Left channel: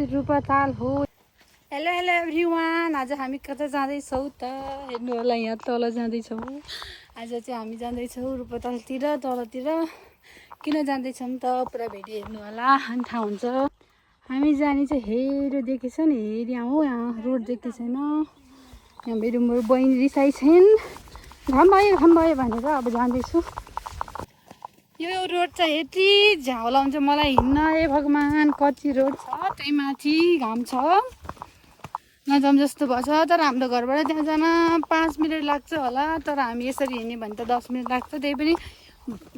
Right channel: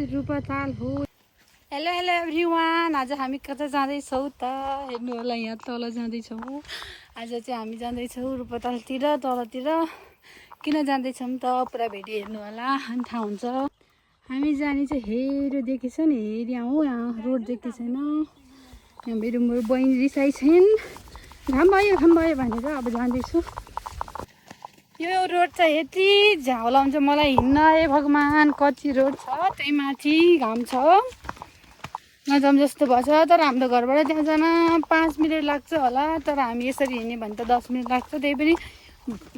रूपाताल हो। Hello hello everyone, आज हामी कता जाँदैछौँ त हेर्नु होला, यहाँ तल जाँदैछौँ। आज चाहिँ हामी जाँदैछौँ रूपातालतिर, तलतिर। किन जाँदैछौँ त पुरा भिडियो हेर्नु होला अनि थाहा हुन्छ। हामी जाने चाहिँ हेर देखेछ नि, हेर यहाँ हो, यहाँ रोड देखेको छैन। यहाँ मेरो बहिनी रिसाइ छैन, घाम भयो भनेर अब जाँदैछु। यो रोड चाहिँ यति झाउला हुन्छ मलाई हिँड्न, ए भगवान् कति रोड छ, त्यही माथि घाम छ नजाऊँ जस्तो भएछ। तर हाम्रो घरबाट त्यहाँ जान 5 मिनट लाग्छ होला, तर हामी यसरी हिँड्ने भने त 10 मिनट लाग्छ। त्यही पनि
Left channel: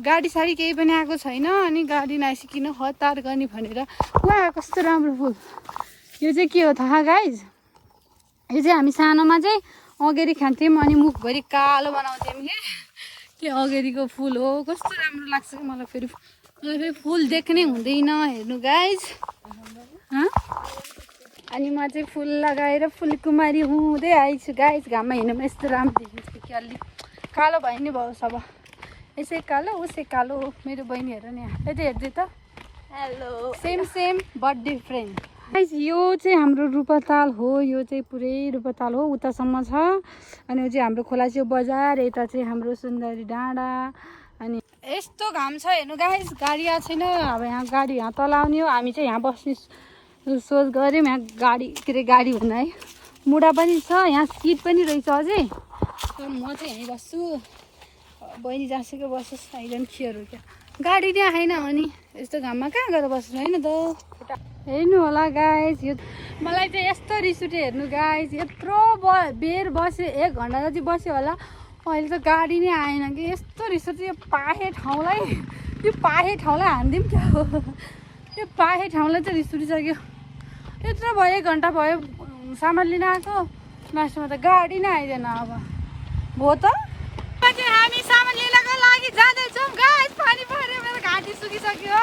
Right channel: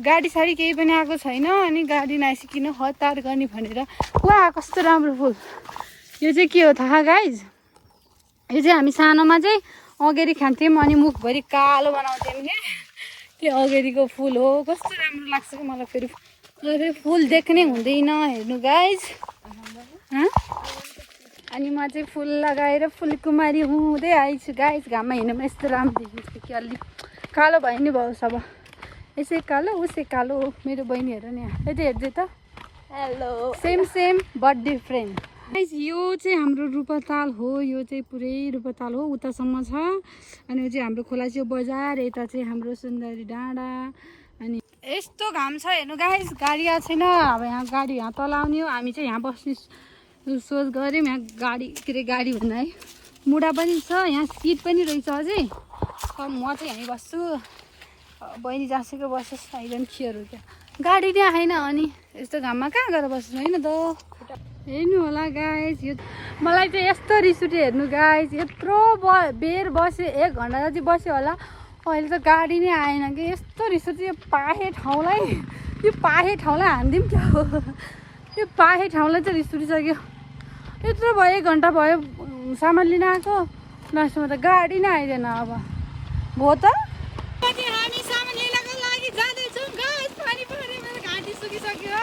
गाडी साडी केही पनि आएको छैन, अनि गाडी नआइसकिन हतार गर्ने भनेर। वा कस्तो राम्रो फुल, यो चाहिँ के हो थाहा गाइज? यो चाहिँ हामी सानोमा चाहिँ अगेरी खान्थ्यौँ अनि मुखभरि कालो बनाउँथ्यौँ के अगेरीको फुल हो। कस्तो राम्रो लाग्छ कि मलाई फेरि फुल देख्नै हुँदैन हेर्नु गाइज। अनि म चाहिँ फुल लगाएर फुलकुमारी हुँदै आइछु गाइज। घाममा हिँड्नुमा यस्तो राम्रो देखिन्छ कि अलि कालो भयो नि भयो सब, उसै कालो उसै कालो हो। मेरो बहिनीहरू नि यता हेर्छु त, hello same but different guys. यो चाहिँ हाम्रो रूपाताल हो, यो चाहिँ पुरै रूपाताल हो, उतासम्म छ। अनि यो चाहिँ हाम्रो खोला चाहिँ बजार, यता चाहिँ हाम्रो सुन्दरी डाँडा। अनि यस्तो घाम छ हेर्नु गाइज, गाडी आएको छैन। अब यहाँ गाडी यहाँ तल आउने हो, हामी चाहिँ यहाँ बस्ने सोच गऱ्यौँ। यहाँ गाडी भन्दा है मुढा पनि छ, यहाँ सिट पनि रहेछ अझै। म चाहिँ यहीँ बस्छु, बहिनी जहाँसुकै बस्छस्, आइरहनु चियर हो क्या। गाडी त्यहाँ आएन अनि यस्तो घाममा कहाँ गएर बस्नु होइन त। हेर्नु होला गाइज, यो मलाई चाहिँ यस्तो रिस उठ्यो हेर्नु गाइज। यत्रो बेर बस्यो, 1 घन्टा जति बस्यो होला, अहिले त गाडी नै आएन कि। यस्तो रिस उठ्यो, यो पाहे ठाउँलाई हानिदिउँ क्या हो। यो पाहे ठाउँलाई चाहिँ रिस उठिसक्यो। यत्रो भयो 1 घन्टा भयो सामान लिन आएको, लास्टमा त गाडी नै आइदैन। अब हो त हामी सामान लिनको लागि जाँदैछौँ गाइस। पानी पऱ्यो, मेरो घाँटी सुकिसक्यो।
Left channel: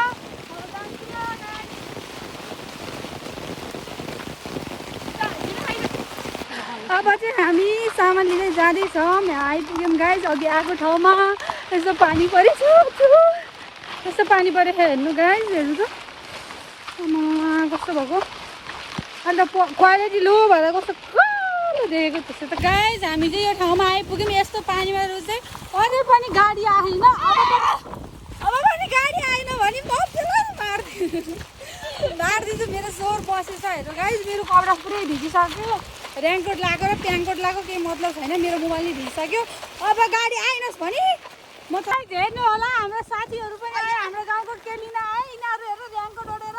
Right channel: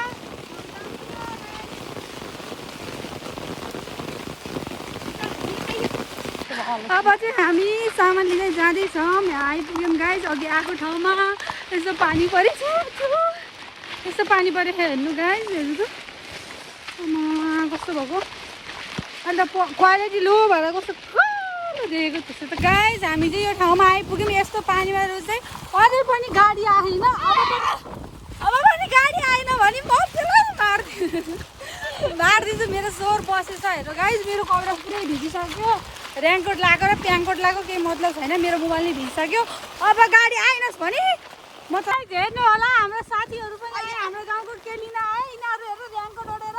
अब चाहिँ हामी सामान लिँदै जाँदैछौँ, यहाँ आइपुग्यौँ गाइस। अघि आएको ठाउँमा यस्तो पानी परेछ, यस्तो पानी परेछ हेर्नु गाइस। हेर्नु त कस्तो भएको, अन्त क्वालिटी लो भएर कस्तो कालो देखेको त्यस्तो त गाइस। हामी चाहिँ यो ठाउँमा आइपुग्यौँ, यस्तो पानीमा चाहिँ अझै पनि गाडी आएन। अब पनि गाडी आएन भने म मारिदिन्छु। मेरो स्वर बसेछ हेर्नु गाइस, मेरो कपडा पुरै भिजिसक्यो। रेनकोट लगाएको र प्याङकोट लगाएको केही मतलब छैन, मेरो मोबाइल नै भिजिसक्यो। अब गाडी आएनस् भने म त हेर्नु होला। हाम्रो साथीहरू पनि आए, हाम्रो गाउँको केलिन आए, यिनीहरू हेर्नु रेनकोट ओढेर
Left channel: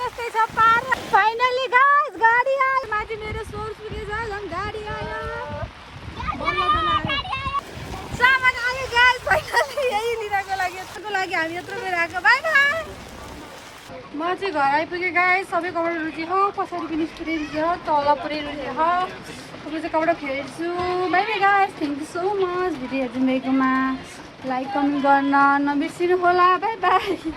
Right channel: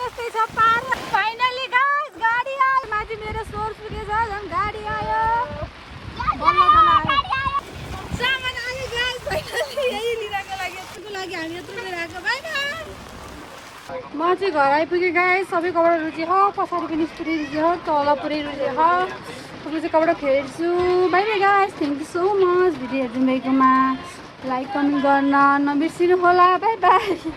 यस्तै छ पार। फाइनली गाइस गाडी आयो, माथि मेरो स्वर सुनेछ झन् गाडी आयो, सामान आयो गाइस। फाइनली यही लिनको लागि हामी यत्रो बेर आएको। Bye bye. म चाहिँ घर आइपुगेँ गाइस, सबै कपडा रुचि हो, पछाडि पनि स्कुटी रुचि हो, तल पुरै चाहिँ कपडा फेरेको छु। Bye bye guys, thank you so much. Video हेरिदिनुमा लाइक पनि गर्न नबिर्सिनु होला। Bye by.